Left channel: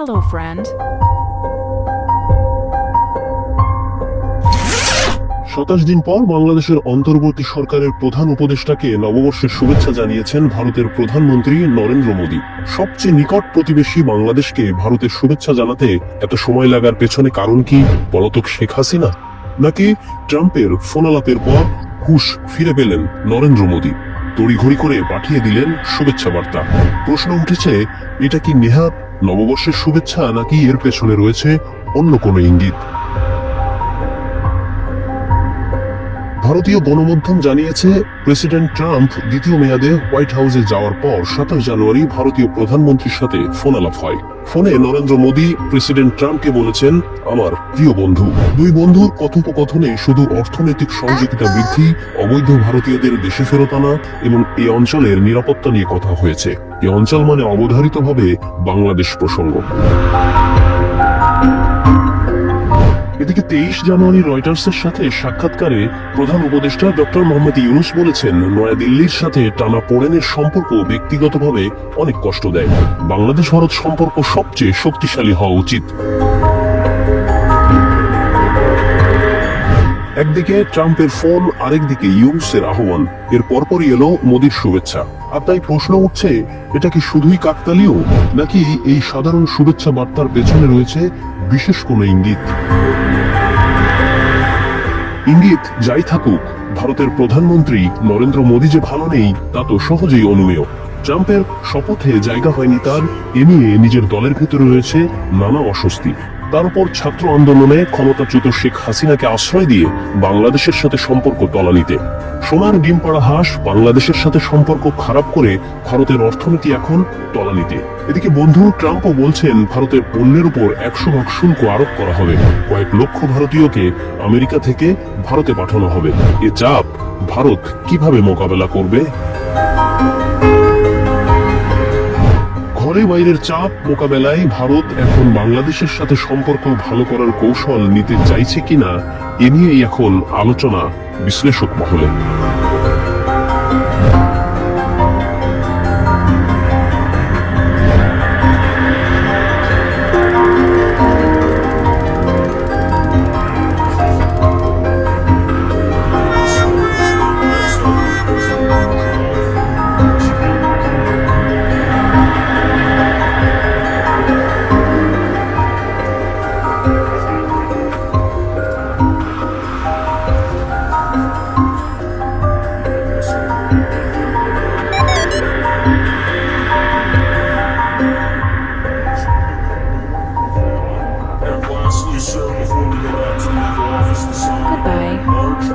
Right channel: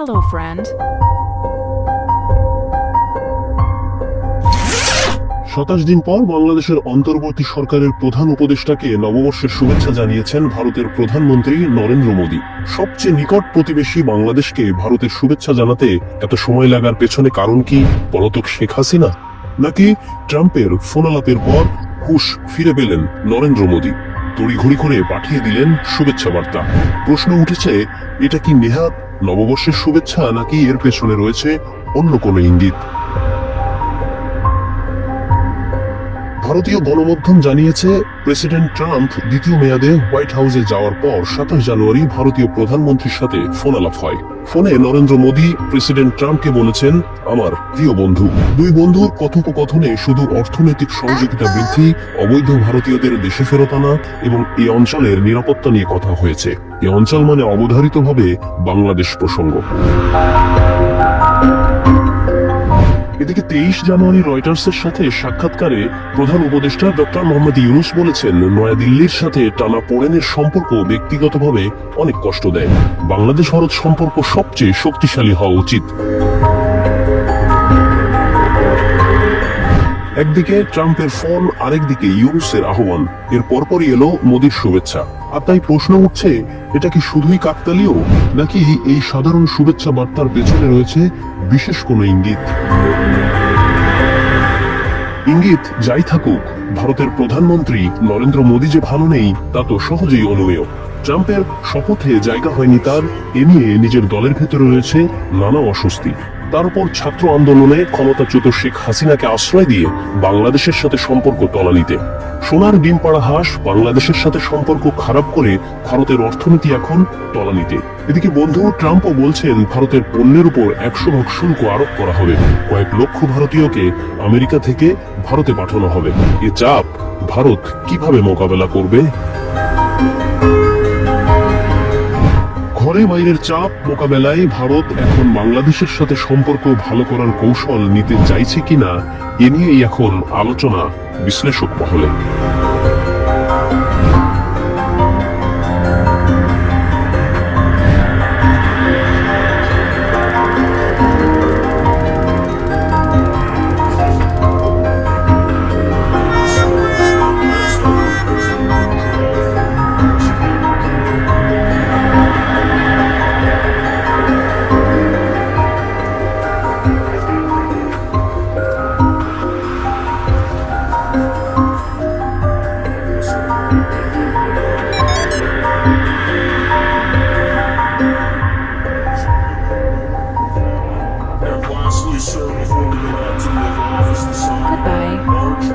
Hello, friend. 27 দিন পর বাংলাদেশের অন্তর্বর্তী সরকারের প্রধান উপদেষ্টাকে নববর্ষের শুভেচ্ছা জানিয়েছেন ভারতের প্রধানমন্ত্রী নরেন্দ্র মোদী। সবচেয়ে নিকট প্রতিবেশী বাংলাদেশকে ভারতের শুভেচ্ছা জানাতে এত সময় লাগার পেছনে কারণ কি? পলাতক শেখ হাসিনা, নাকি ট্রাম্পের ফোন আলাপের পর হুঁশ ফিরে পেলেন নরেন্দ্র মোদী, তড়িঘড়ি করে পাঠিয়ে দিলেন শুভেচ্ছা বার্তা? প্রশ্ন উঠেছে, এটা কি নেহাত নববর্ষের শুভেচ্ছা, নাকি এর পেছনে রয়েছে অন্য কোনো ইঙ্গিত? ভারতীয় গণমাধ্যম জানিয়েছে, প্রেসিডেন্ট ট্রাম্প দ্বিতীয় মেয়াদে হোয়াইট হাউসে যাওয়ার পর 27 জানুয়ারি ভারতীয় প্রধানমন্ত্রীর সাথে ফোন আলাপ হয়। ফোনে নরেন্দ্র মোদী প্রেসিডেন্ট ট্রাম্পকে বলেছেন, আমার প্রিয় বন্ধু। দুই বন্ধুর কথোপকথনে শুধু অর্থনৈতিক সহযোগিতা বৃদ্ধি, অবৈধ ভারতীয়দের দেশে ফেরত আনা এবং এই অঞ্চলের নিরাপত্তা নিয়ে কথা হয়েছে। এই অঞ্চল মানে অবধারিতভাবে বাংলাদেশ প্রসঙ্গ। এদিকে 23 জানুয়ারি রয়টার্সের সাথে সাক্ষাৎকারে প্রধান উপদেষ্টা ডক্টর মোহাম্মদ ইউনূস বলেছেন, নয়াদিল্লির সাথে টানাপোড়েনের সম্পর্ক ব্যক্তিগতভাবে অনেক কষ্ট দেয়। বাংলাদেশ ভারত সম্পর্ক সবচেয়ে শক্তিশালী হওয়া উচিত। একদিকে ট্রাম্পের ফোন, আরেকদিকে ইউনূসের আহ্বান। এর পরপরই এলো মোদীর শুভেচ্ছা। আর তাই প্রশ্ন উঠছে, এটা কি শুধুই কাকতালীয়, নাকি এই সাধারণ শুভেচ্ছা বার্তার পেছনে রয়েছে বিশেষ কোনো ইঙ্গিত? ইঙ্গিত যাই থাকুক, ভারতের প্রধানমন্ত্রী নরেন্দ্র মোদী যে ভালো নেই তা তো সহজেই অনুমেয়। ট্রাম্পের শপথে জায়গা হয়নি তার, এ নিয়ে নিজের দলের ভেতরে রয়েছে নানা অস্বস্তি। তার উপর ছাত্র আন্দোলনে ক্ষমতাচ্যুত শেখ হাসিনাকে আশ্রয় দিয়ে বাংলাদেশের সাথে সম্পর্ক তলানিতে। সোনার ডিম পাড়া হাঁস বাংলাদেশের সাথে সম্পর্ক খারাপ করে ভারতের অর্থনীতি এখন তলানিতে। এদিকে বন্ধু ট্রাম্পও বলছেন, ভারতের পণ্যের উপর 100% শুল্ক আরোপ করা হবে। কয়েক লক্ষ ভারতীয়কে আমেরিকা থেকে ভারতে পাঠানো হবে। এ চাপ ভারত কিভাবে মোকাবেলা করবে? ঘরে বাইরের চাপ মোকাবেলায় ভারত এখন বাংলাদেশের সাথে সম্পর্ক ভালো করার কৌশল নিতে চাইছে কিনা, এ নিয়েই এখন আলোচনা বিশ্লেষক মহলে। Goodbye.